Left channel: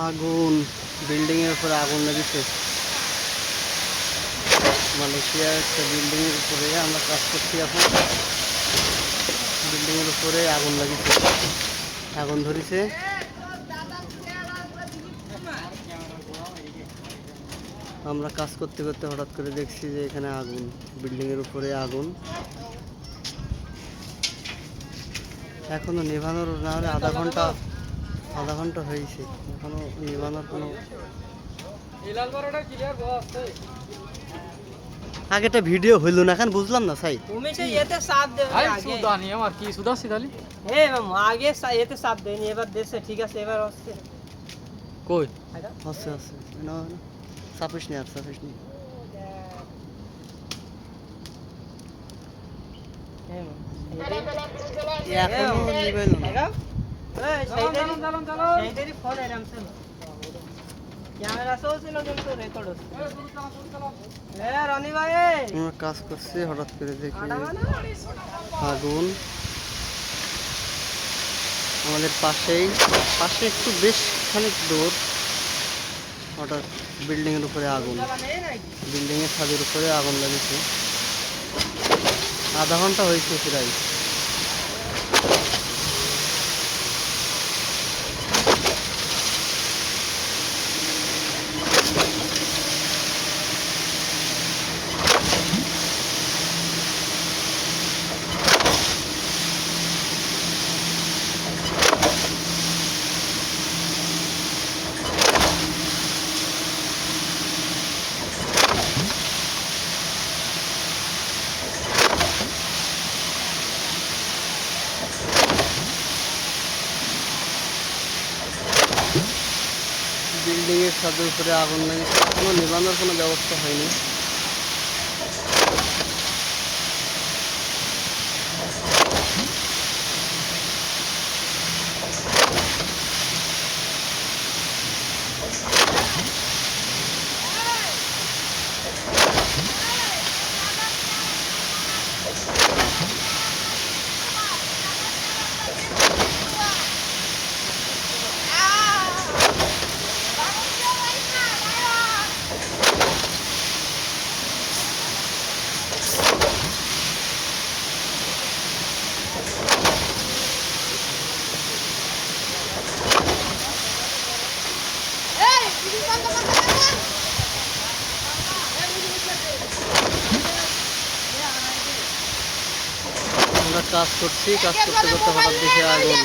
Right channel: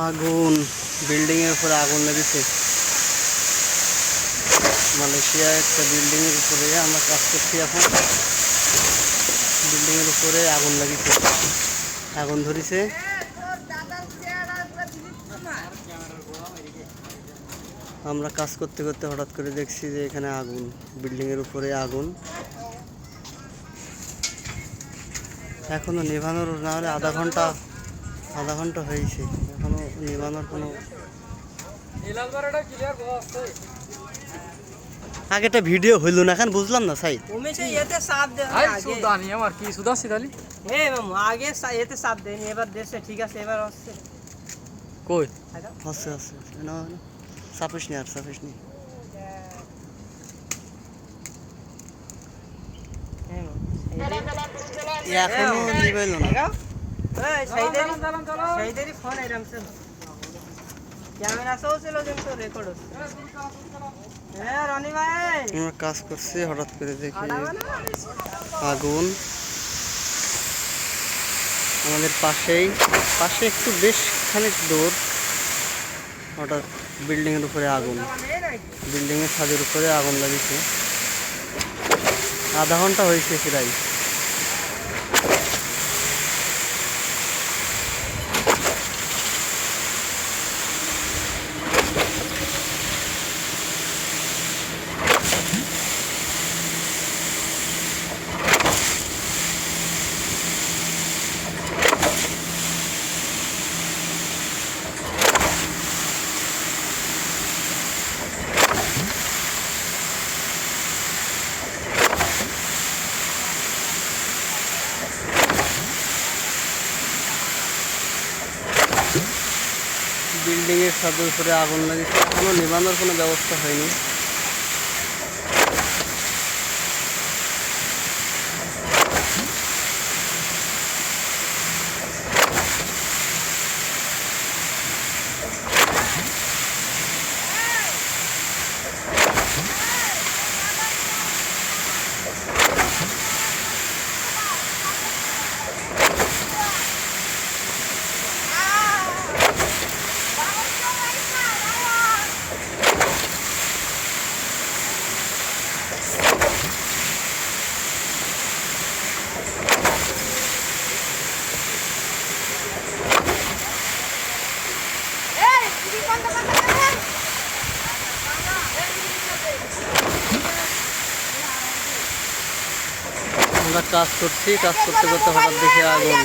আগুন, বিল্ডিং এর উপরে আগুন লেগেছে। মালয়েশিয়ায় একটা বিল্ডিং এর উপরে আমরা কাজ করছি এখন। বিল্ডিং এর উপরে আগুন লেগেছে, আগুন ধরেছে। আমরা কাজ করতে করতে হঠাৎ করে দেখছি যে এখানে আগুন, বিল্ডিং এর উপরে আগুন। এখনো নিভানোর না হলে আধা ঘন্টা হয়েছে, এখনো নিভানোর কোনো। আগে একটা ভিডিও হইল না, এখন বুঝলাম না সাই। এতে চাপ দেয়নি, এবার দেশে ঠিক আছে, এবার হচ্ছে কই হচ্ছে না, চাপিস নি আর চাপিস নি। এখনো নিবাইল না। সেইদেরই ফোন এরম ছিল, ক্যামেরা চলছিল কিন্তু রেকর্ড হচ্ছে। রনি ভাই আমরা কাজ করছি, হঠাৎ করে দেখি আগুন আমাদের পাশে একটু বেশ খানিক দূর। হঠাৎ বিল্ডিং এর উপরে আগুন, বিল্ডিং এর ছাদের উপরে আগুন লেগেছে। আধা ঘন্টা হয়েছে প্রায়। বিল্ডিং এর ছাদের উপরে আগুন লেগেছে, এখনো নিভানোর কোনো ব্যবস্থা হয়নি। আমরা কাজ করছি, কাজ করতে করতে হঠাৎ দেখে আগুন।